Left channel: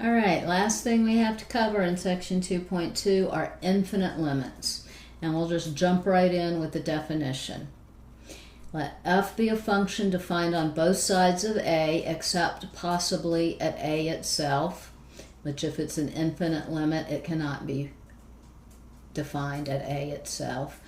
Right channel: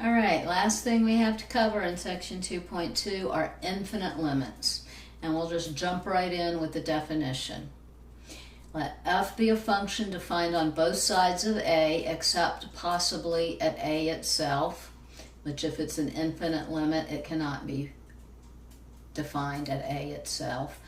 All right, last thing we have to cover in section 2.2 are infinite limits. And we'll just jump right in with the definition. Let f be a function defined on both sides of a except possibly at a itself, which if it's an infinite limit, it cannot be defined at a itself.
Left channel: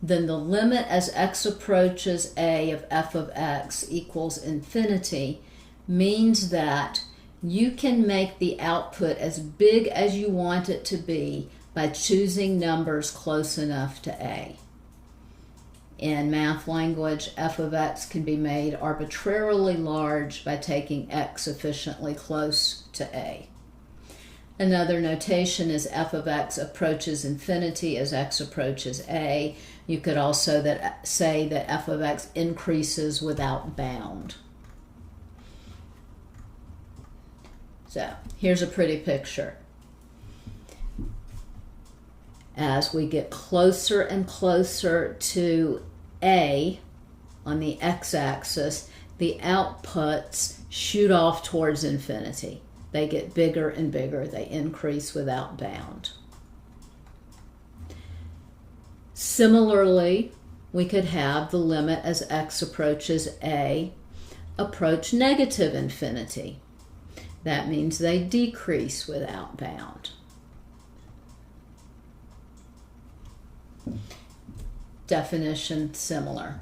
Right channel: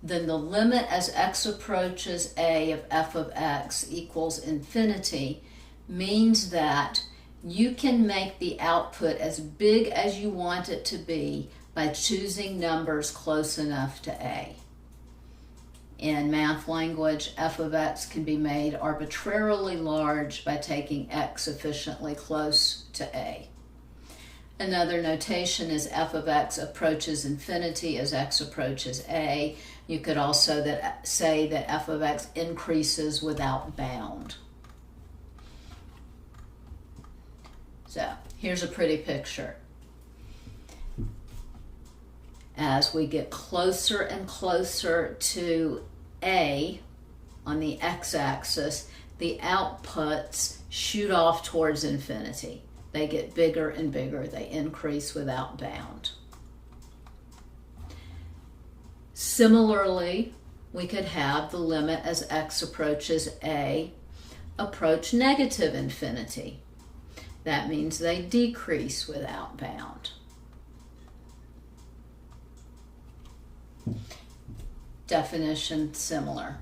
Then the limit as x approaches a of f of x equals infinity means that you can make the output as big as you want it to be by choosing numbers close enough to a. In math language, f of x can be made arbitrarily large by taking x sufficiently close to a. Another notation is f of x approaches infinity as x approaches a. You could also say that f of x increases without bound. So here's a pretty picture. As we get closer and closer to a on the x-axis, the outputs shoot off towards infinity. They get bigger and bigger. They increase without bound. Similarly, we could have the limit as x approaches a approach negative infinity. That means they decrease without bound. Definition similar.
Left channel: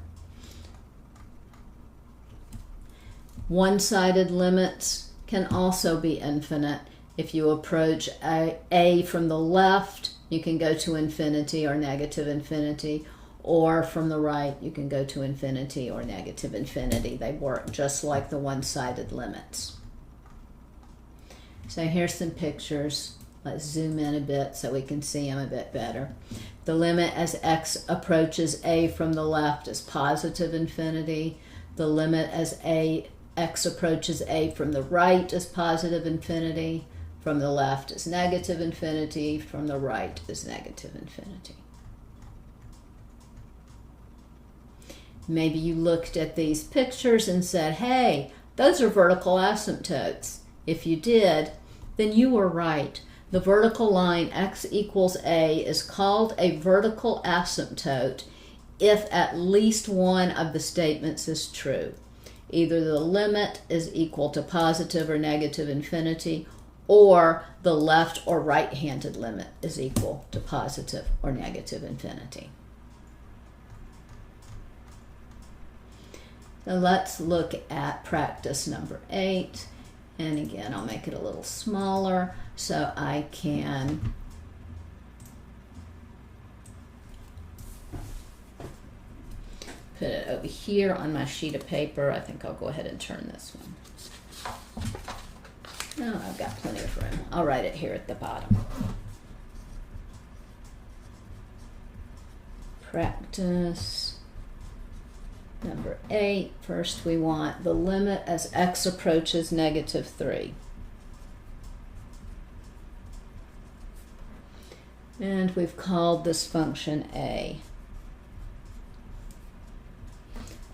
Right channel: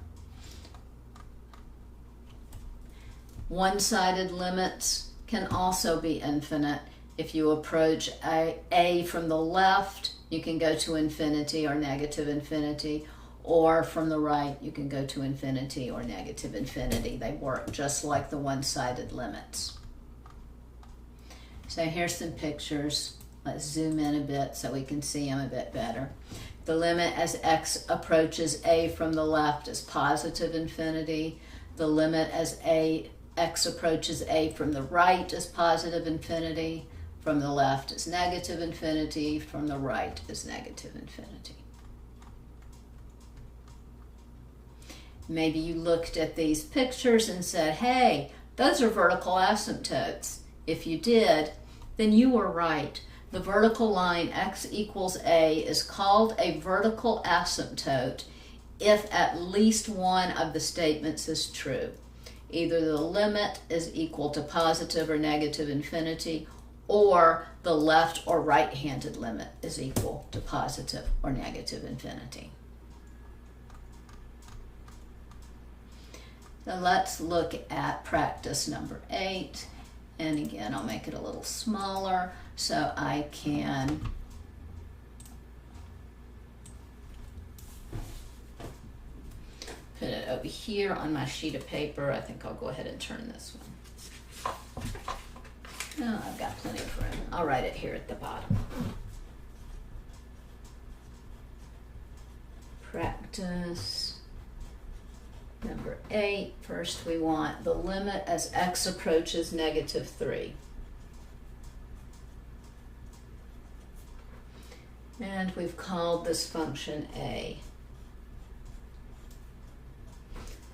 One-sided limits can also be infinite. If you approach a from the left, you can go to infinity or negative infinity, or from the right, you can go to infinity or negative infinity. They work just like the one-sided limits. So here's some pictures. Let's zoom in a bit so we can see them a bit better. The limit as x approaches a from the left is positive infinity. The limit as x approaches a from the right is positive infinity. From the left is negative infinity. From the right is negative infinity. Maybe you looked at these pictures and said, hey, those are vertical asymptotes. If you did, then you were right. The vertical line x equals a is called a vertical asymptote if at least one of the statements is true. Either the limit is equal to positive or negative infinity, or the left or right-handed limit is equal to positive or negative infinity. So let's look at practice number 8. And again, I'll make it a little smaller so I can put it over here on my sheet of paper. I think I'll go ahead and turn this one. Oh, I've got plenty of room. I'll write it here at the bottom. Practice number 8. First we want the limit as x approaches negative 3. And we've called this function a.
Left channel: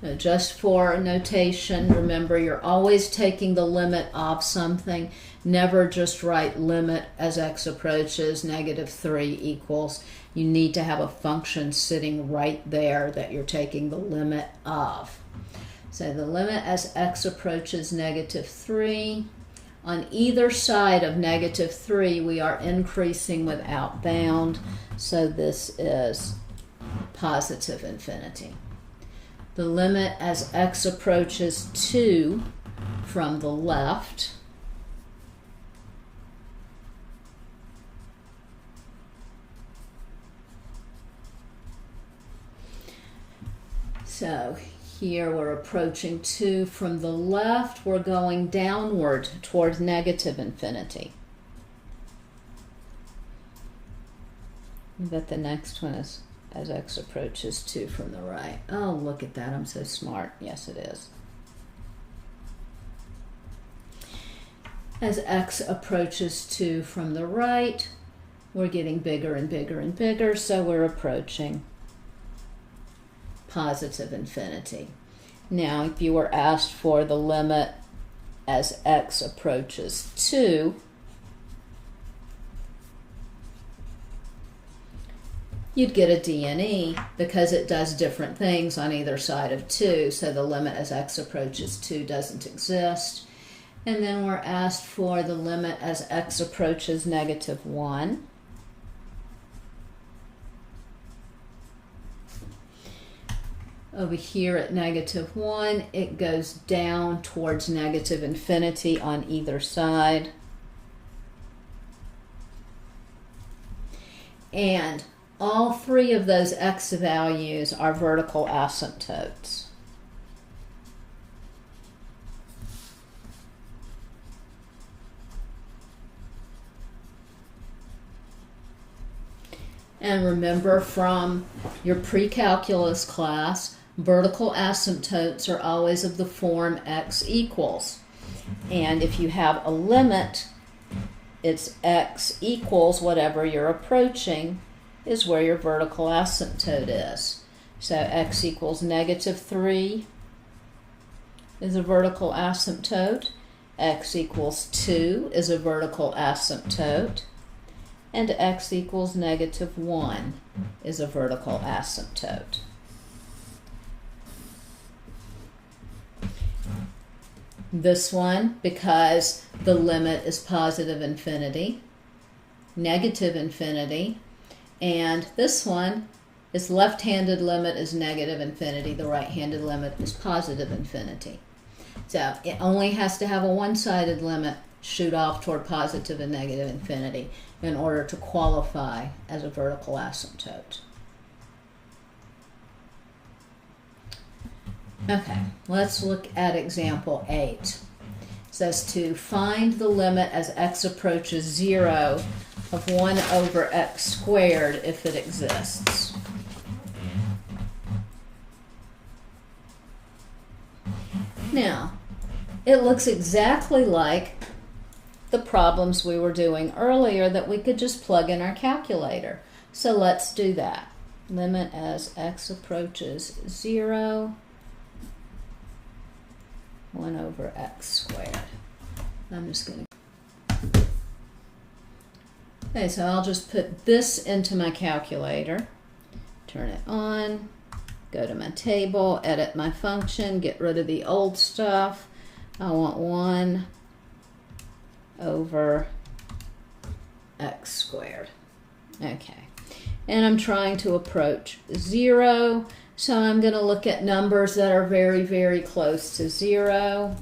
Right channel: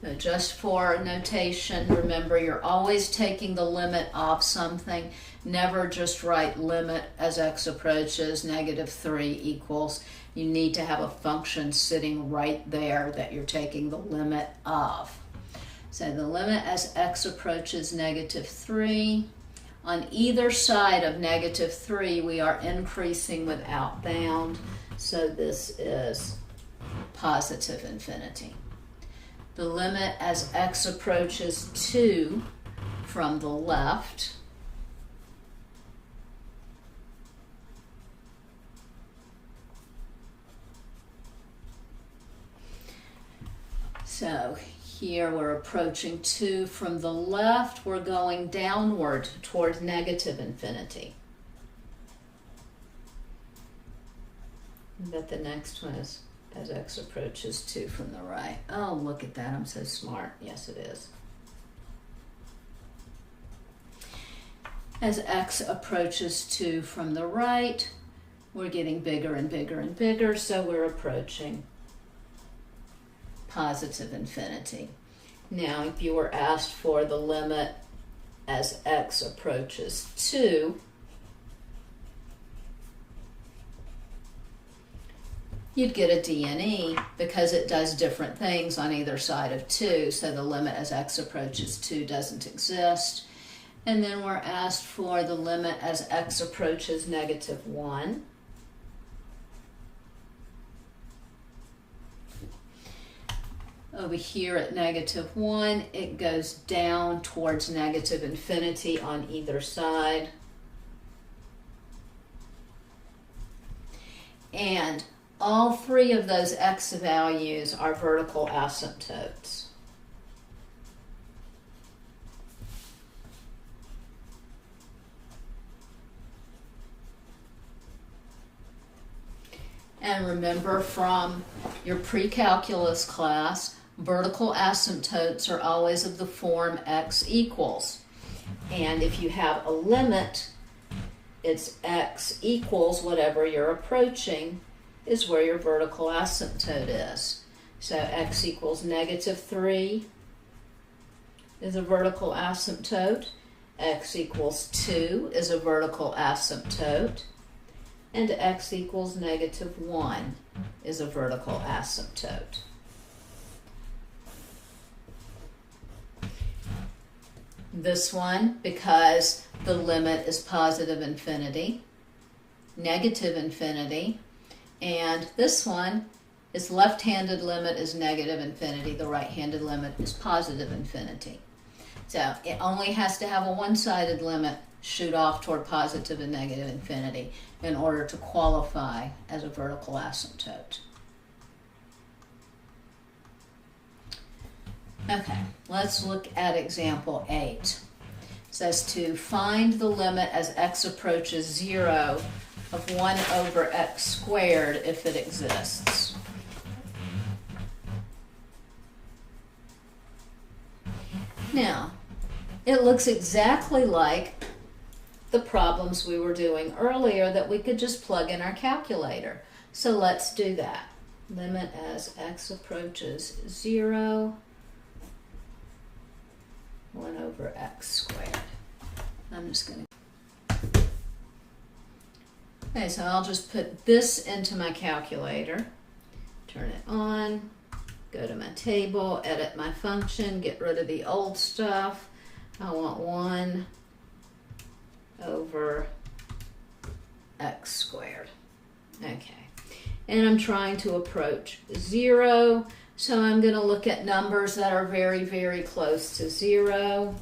Now just for notation, remember you're always taking the limit of something. Never just write limit as x approaches negative 3 equals. You need to have a function sitting right there that you're taking the limit of. So the limit as x approaches negative 3. On either side of negative 3, we are increasing without bound. So this is positive infinity. The limit as x approaches 2 from the left So here we're approaching 2 from the left. We're going downward towards negative infinity. But the next one is as x approaches 2 from the right. Oh, look at that. I'm so smart. Yes, it is. As x approaches 2 from the right, we're getting bigger and bigger and bigger, so we're approaching positive infinity. Now, if you were asked for the limit as x approaches 2, you'd get a D and E because it does different things on either side of 2, so the limit as x approaches 2 doesn't exist. And then we're asked for the limit as x approaches -1. Over here at -1, it goes down towards -infinity on either side. And all 3 of those x values are vertical asymptotes. And remember from your pre-calculus class, vertical asymptotes are always of the form x equals. And if you have a limit, it's x equals whatever you're approaching is where your vertical asymptote is. So x equals -3 is a vertical asymptote. X equals 2 is a vertical asymptote. And x equals -1 is a vertical asymptote. This one, because the limit is positive infinity, negative infinity, and this one is left-handed limit is negative infinity, the right-handed limit is positive infinity. So it only has to have a one-sided limit shoot off toward positive and negative infinity in order to qualify as a vertical asymptote. Okay, let's look at example 8. It says to find the limit as x approaches 0 of 1 over x squared if it exists. Now, it looks exactly like the problems we were doing earlier that we could just plug in our calculator. So let's do that. Limit as x approaches 0, 1 over x squared. I'm just going to... Okay, so I'll just put this into my calculator, turn it on, go to my table, edit my function, get rid of the old stuff. I want 1 over x squared. Okay, and I'm trying to approach 0, so I'm going to look at numbers that are very, very close to 0,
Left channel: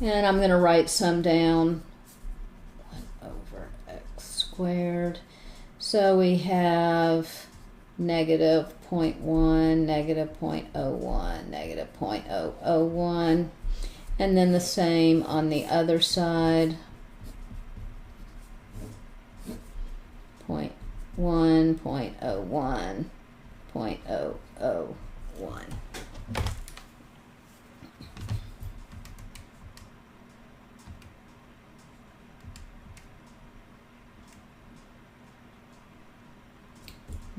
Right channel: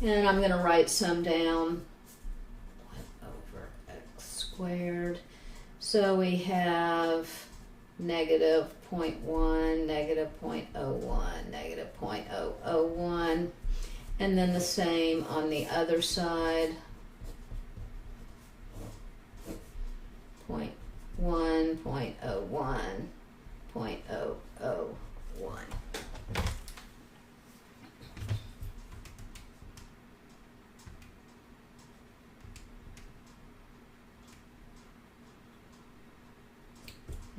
and I'm going to write some down. 1 over x squared. So we have -0.1, -0.01, -0.001, and then the same on the other side. 0.1, 0.01, 0.001.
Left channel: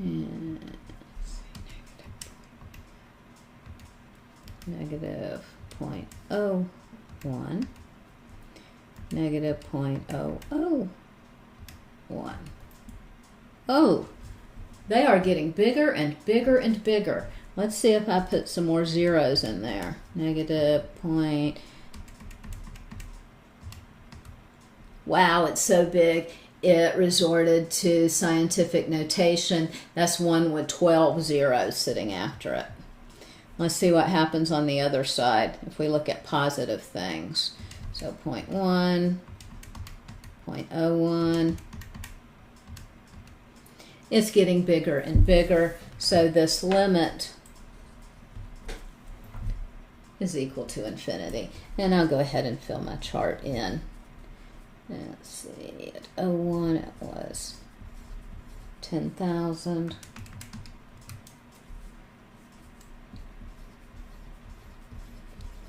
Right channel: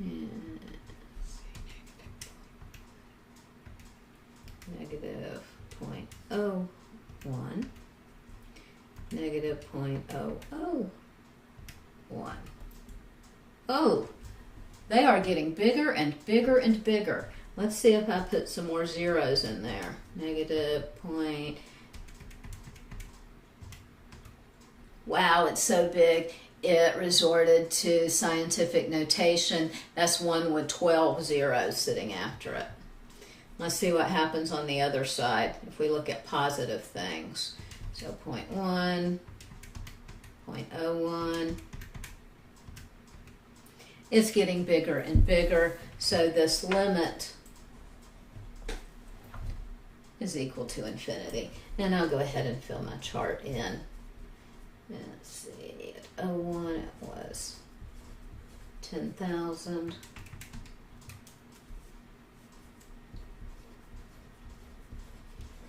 And -0.01, -0.001. Oh, they are getting bigger and bigger and bigger. Let's see if I put some more zeros in there. Wow, it's so big. It resorted to scientific notation. That's 1 with 12 zeros sitting after it. Let's see what happens on the other side if we look at positive things. So 0.1, 0.01. It's getting bigger and bigger, so this limit is equal to infinity. And I'll go ahead and fill my chart in. Let's see, at 01 it was 10,000.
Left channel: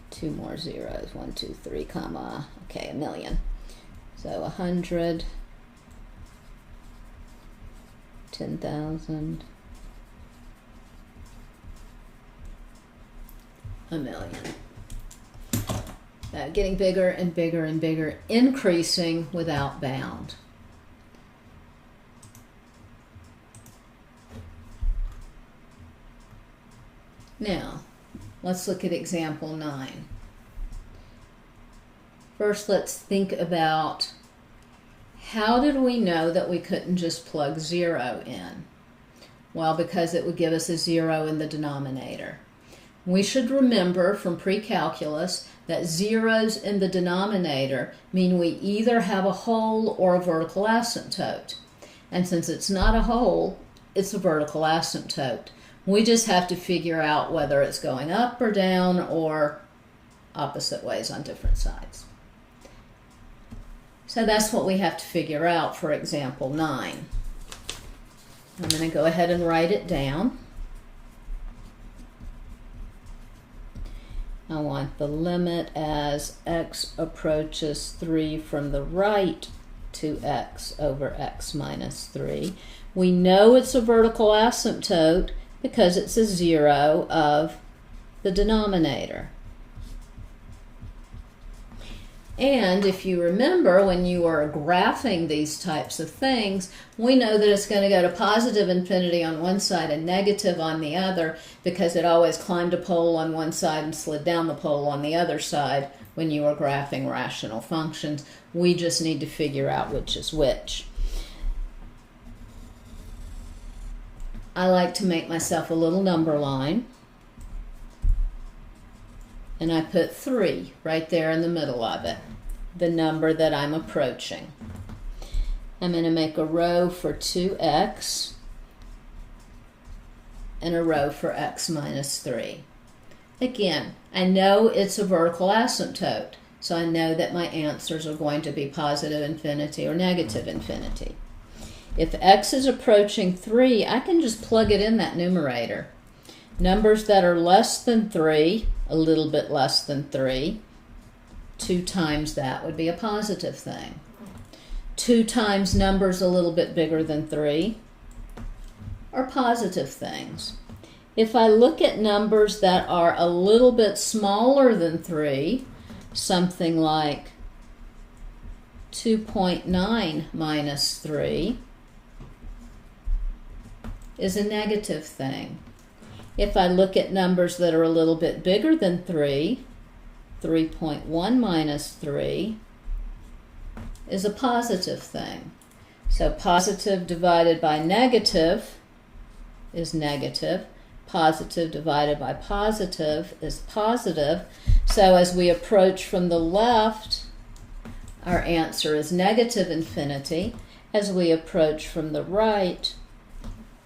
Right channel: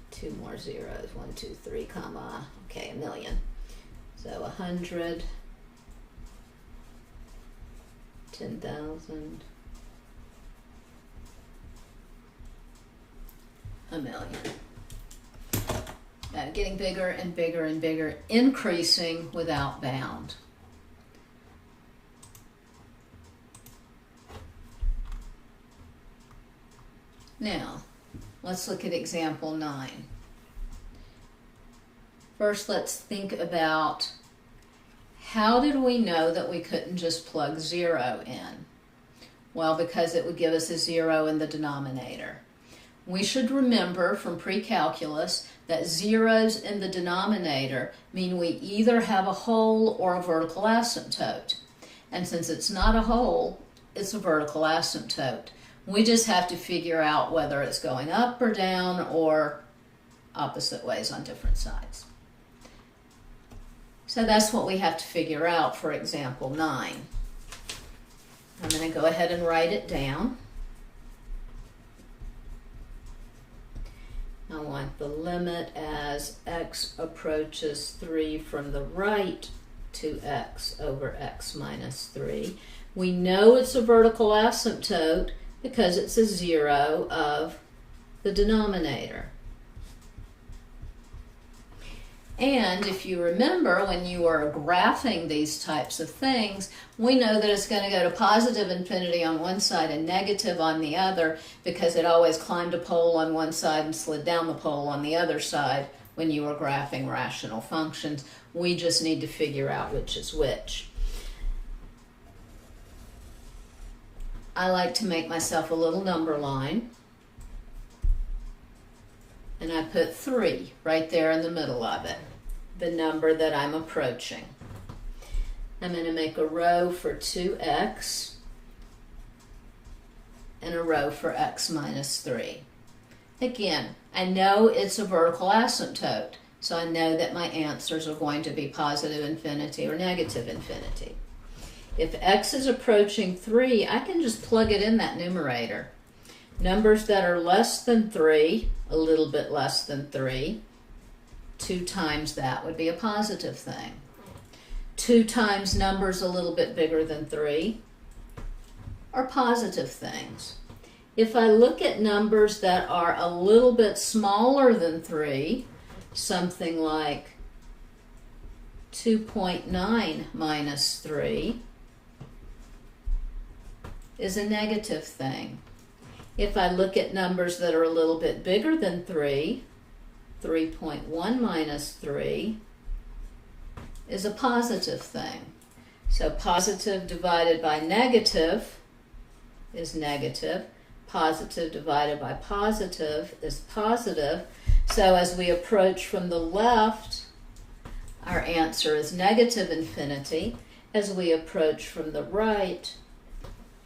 Two more zeros, 1, 2, 3, comma, okay, 1,000,000. So 100, 10,000, 1,000,000. Getting bigger and bigger and bigger, increasing without bound. Now, let's look at example 9. First, let's think about how did we know that we couldn't just plug 0 in? Well, because it would give us a 0 in the denominator. We should remember from pre-calculus that zeros in the denominator mean we either have a whole or a vertical asymptote. And since it's not a whole, it's a vertical asymptote. We just have to figure out whether it's going up or down or opposite ways on different sides. So that's what we have to figure out for example 9. I'm going to go ahead and write it down. I want the limit as x approaches 3 from the right to x over x minus 3. We know it's a vertical asymptote because it's a 0 of the denominator. And if you remember, when you are graphing these types of things, we know that it's going to go to positive infinity on one side and negative on the other because it always climbed a pole on one side and slid down the pole on the other side when you are graphing rational functions. We just need to figure out which is which. I like to make myself a little number line. And I put 3 right there in the middle of it, the number that I'm approaching. I'm going to make a row for 2x and a row for x minus 3. Again, I know it's a vertical asymptote, so I know that my answers are going to be positive infinity or negative infinity. If x is approaching 3, I can just plug it in that numerator. Numbers that are less than 3, a little bit less than 3, 2 times that would be a positive thing. 2 times numbers a little bit bigger than 3 are positive things. If I look at numbers that are a little bit smaller than 3, something like 2.9 minus 3 is a negative thing. If I look at numbers that are a little bit bigger than 3, 3.1 minus 3 is a positive thing. So positive divided by negative is negative. Positive divided by positive is positive. So as we approach from the left, our answer is negative infinity. As we approach from the right,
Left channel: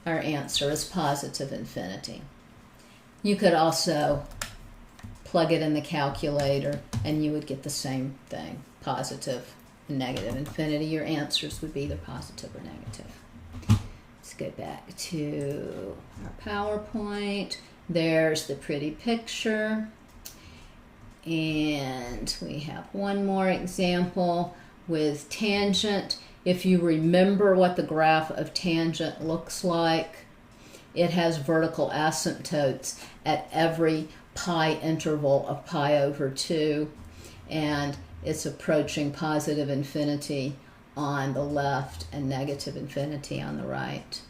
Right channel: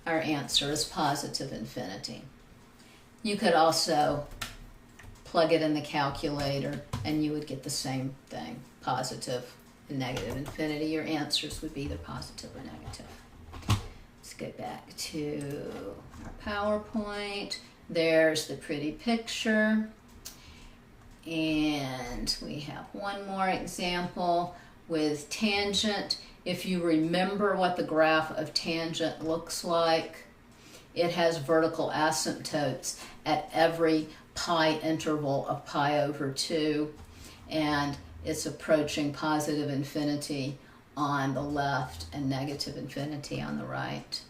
our answer is positive infinity. You could also plug it in the calculator and you would get the same thing, positive and negative infinity. Your answers would be either positive or negative. Let's go back to our PowerPoint. There's the pretty picture. And we have one more example with tangent. If you remember what the graph of tangent looks like, it has vertical asymptotes at every pi interval of pi over 2, and it's approaching positive infinity on the left and negative infinity on the right.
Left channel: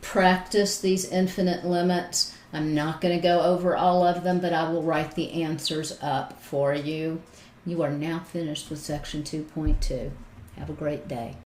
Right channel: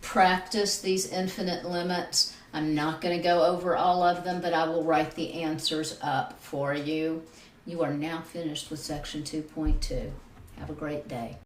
Practice these infinite limits. I'm not going to go over all of them, but I will write the answers up for you. You are now finished with section 2.2. Have a great day.